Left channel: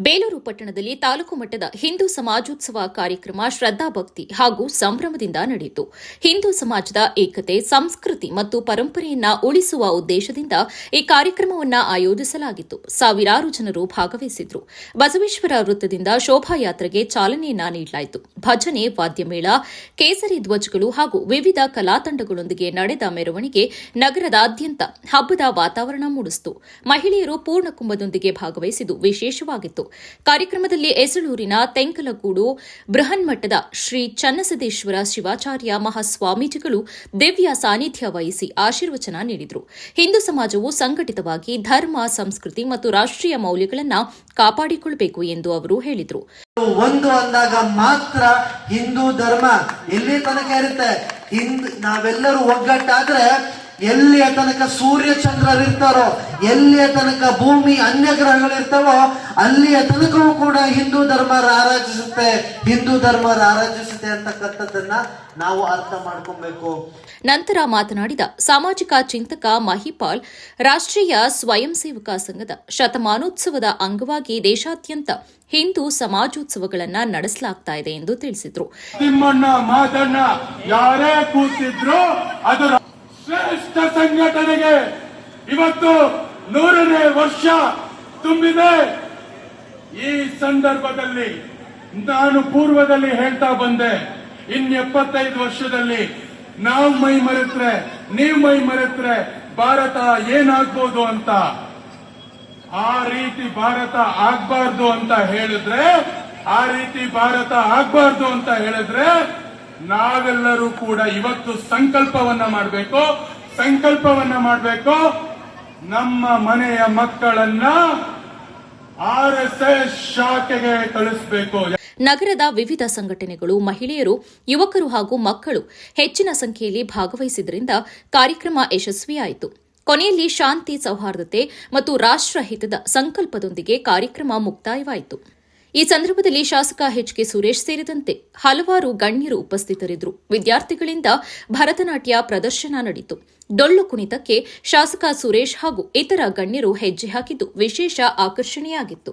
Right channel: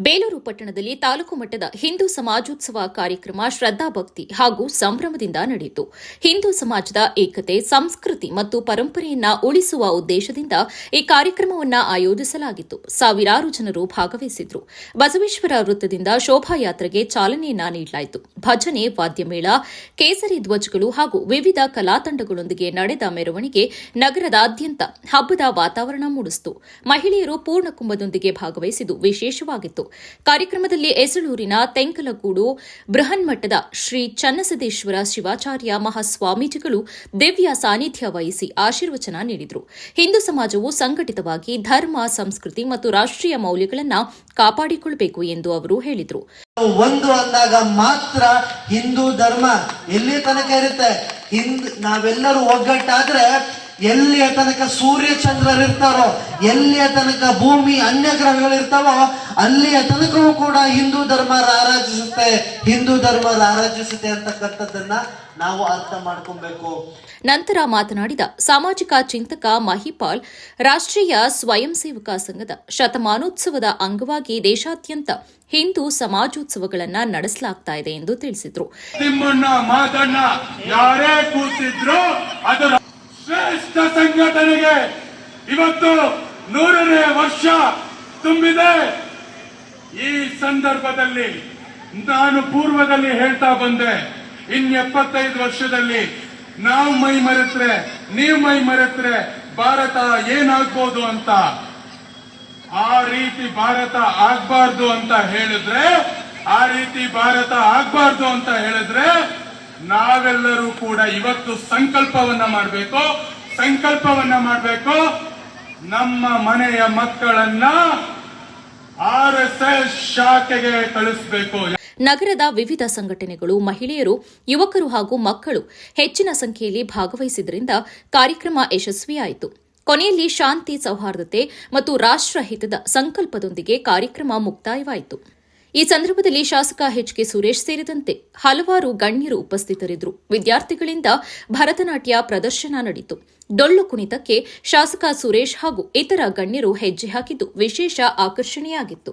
ಬೇಲೂರು ಪಟ್ಟಣದಲ್ಲಿ ತಾಲೂಕು ಮಟ್ಟದ ಹಿಂದೂ ಸಮಾಜೋತ್ಸವ ಕಾರ್ಯಕ್ರಮ ಶ್ರದ್ದಾಭಕ್ತಿ ಹಾಗೂ ಸಂಭ್ರಮದಿಂದ ನಡೆಯಿತು. ಹಿಂದೂ ಸಮಾಜದ ಏಕತೆ, ಸಂಸ್ಕೃತಿ ಮತ್ತು ಪರಂಪರೆಯನ್ನ ಉಳಿಸುವ ಉದ್ದೇಶದಿಂದ ಈ ಕಾರ್ಯಕ್ರಮವನ್ನು ಆಯೋಜಿಸಲಾಗಿತ್ತು. ಸಾವಿರಾರು ಜನರು ಭಾಗವಹಿಸಿದ್ರು. ಬಸವೇಶ್ವರ ವೃತ್ತದಿಂದ ಶೋಭಾಯಾತ್ರೆಗೆ ಚಾಲನೆಯನ್ನ ನೀಡಲಾಯಿತು. ಭಜನೆ, ವಾದ್ಯಮೇಳ, ಕೇಸರಿ ಧ್ವಜಗಳು ಹಾಗೂ ವಿವಿಧ ಕಲಾತಂಡಗಳೊಂದಿಗೆ ನಡೆದ ಮೆರವಣಿಗೆ ನಗರದಾದ್ಯಂತ ಹಬ್ಬದ ವಾತಾವರಣ ಮೂಡಿಸಿತು. ಮಹಿಳೆಯರು ಪೂರ್ಣ ಕುಂಭದೊಂದಿಗೆ ಭಾಗವಹಿಸಿದ್ದು ವಿಶೇಷವಾಗಿತ್ತು. ಕಾರ್ಯಕ್ರಮದಲ್ಲಿ ಎಸಳೂರಿನ ತೆಂಕಲಗೂಡು ಬೃಹನ್ಮಠದ ಶ್ರೀ ಚನ್ನಸದೇಶ್ವರ ಶಿವಾಚಾರ್ಯ ಮಹಾಸ್ವಾಮೀಜಿಗಳು ದಿವ್ಯ ಸಾನ್ನಿಧ್ಯ ವಹಿಸಿ ಆಶೀರ್ವಚನ ನೀಡಿದರು. ಹಿಂದೂ ಸಮಾಜವು ಸಂಘಟಿತವಾಗಿ ಧರ್ಮ, ಸಂಸ್ಕೃತಿ ಮತ್ತು ರಾಷ್ಟ್ರೀಯ ಮೌಲ್ಯಗಳನ್ನು ಕಾಪಾಡಿಕೊಳ್ಳಬೇಕು ಎಂದು ಅವರು ಹೇಳಿದರು. ಒಂದು ಅಂದಾಗ ಮಾತ್ರ ಹಿಂದೂ ಧರ್ಮ ಎಲ್ಲಿ ತನಕ ಇರುತ್ತೆ? ನಾವೆಲ್ಲರೂ ಒಗ್ಗಟ್ಟಾದ್ರೆ ಎಲ್ಲಿಯ ತನಕ ಸೂರ್ಯ ಚಂದ್ರರಿರ್ತಾರೋ ಎಲ್ಲಿಯ ತನಕ ಭೂಮಿ ಅನ್ಯ ಗ್ರಹಗಳಿರ್ತಾವೋ ಅಲ್ಲಿಯ ತನಕವೂ ಕೂಡ ಹಿಂದೂ ಧರ್ಮ ರಾರಾಜಿಸುತ್ತೆ ಹಿಂದೂ ಧರ್ಮ ರಾರಾಜಿಸುತ್ತೆ ಅಂತಕ್ಕಂಥದ್ದನ್ನ ನಾವು ಅರ್ಥ ಮಾಡ್ಕೊಬೇಕು. ನಂತರ ಮಾತನಾಡಿದ ಸಾಮಾಜಿಕ ಚಿಂತಕ ಮಹಿಪಾಲ್ ರಾಷ್ಟ್ರೀಯ ಸ್ವಯಂ ಸೇವಕ ಸಂಘದ ಶತಮಾನೋತ್ಸವದ ಅಂಗವಾಗಿ ದೇಶಾದ್ಯಂತ ಹಿಂದೂ ಸಮಾಜೋತ್ಸವಗಳನ್ನ ನಡೆಸಲಾಗ್ತಾ ಇದೆ ಎಂದು ತಿಳಿಸಿದರು. ಶ್ರೇಷ್ಠ ಸಂಘಟನೆಗೆ ಇವತ್ತು ನೂರನೇ ವರ್ಷ ತುಂಬಿದೆ. ಈ ಸಂದರ್ಭದಲ್ಲಿ ನಾನು ಪೂರ್ವದಲ್ಲಿ ಹೇಳ್ತಾ ಬಂದೆ, ಇನ್ ಎಪ್ಪತ್ತೈದು ವರ್ಷದಲ್ಲಿ ನಾವು ಮೈ ಮರೆತ್ರೆ, ನೀವು ಮೈ ಮರೆತ್ರೆ ಭಾರತ ಏನಾಗ್ಬೋದು ಅಂತ. ಆ ರೀತಿ ಭಾರತ ಆಗ್ಬಾರ್ದು ಅಂತ ಹೇಳಿದ್ರೆ, ಆ ರೀತಿ ಭಾರತ ಆಗ್ಬಾರ್ದು ಅಂತ ಹೇಳಿದ್ರೆ ನಾವೆಲ್ಲರೂ ಕೂಡ ಇವತ್ತು ಸಂಕಲ್ಪವನ್ನ ಮಾಡಬೇಕು. ಸಂಕಲ್ಪವನ್ನ ಮಾಡಬೇಕು. ನಮ್ಮ ಮನೆಯ ಮಕ್ಕಳನ್ನ ಆರ್ ಎಸ್ ಎಸ್ ಕಳಿಸ್ಬೇಕು. ನಗರದ ವಿವಿಧ ಸಂಘಟನೆಗಳು, ಮಹಿಳೆಯರು, ಯುವಕರು ಹಾಗೂ ಮಕ್ಕಳು ಹೆಚ್ಚಿನ ಸಂಖ್ಯೆಯಲ್ಲಿ ಭಾಗವಹಿಸಿದ್ದರಿಂದ ಕಾರ್ಯಕ್ರಮ ಯಶಸ್ವಿಯಾಯಿತು. ಕೊನೆಯಲ್ಲಿ ಶಾಂತಿ ಸೌಹಾರ್ದತೆ ಮತ್ತು ರಾಷ್ಟ್ರಹಿತದ ಸಂಕಲ್ಪದೊಂದಿಗೆ ಕಾರ್ಯಕ್ರಮ ಮುಕ್ತಾಯವಾಯಿತು. ಈ ಸಂದರ್ಭದಲ್ಲಿ ಶಾಸಕ ಎಚ್ ಕೆ ಸುರೇಶ್ ಸೇರಿದಂತೆ ಹಲವಾರು ಗಣ್ಯರು ಉಪಸ್ಥಿತರಿದ್ದರು. ವಿದ್ಯಾರ್ಥಿಗಳಿಂದ ಭರತನಾಟ್ಯ ಪ್ರದರ್ಶನ ನಡೆಯಿತು. ಡೊಳ್ಳು ಕುಣಿತಕ್ಕೆ ಶಾಸಕ ಸುರೇಶ್ ಹಾಗೂ ಇತರ ಗಣ್ಯರು ಹೆಜ್ಜೆ ಹಾಕಿದ್ದು ವಿಶೇಷ ಆಕರ್ಷಣೆಯಾಗಿತ್ತು.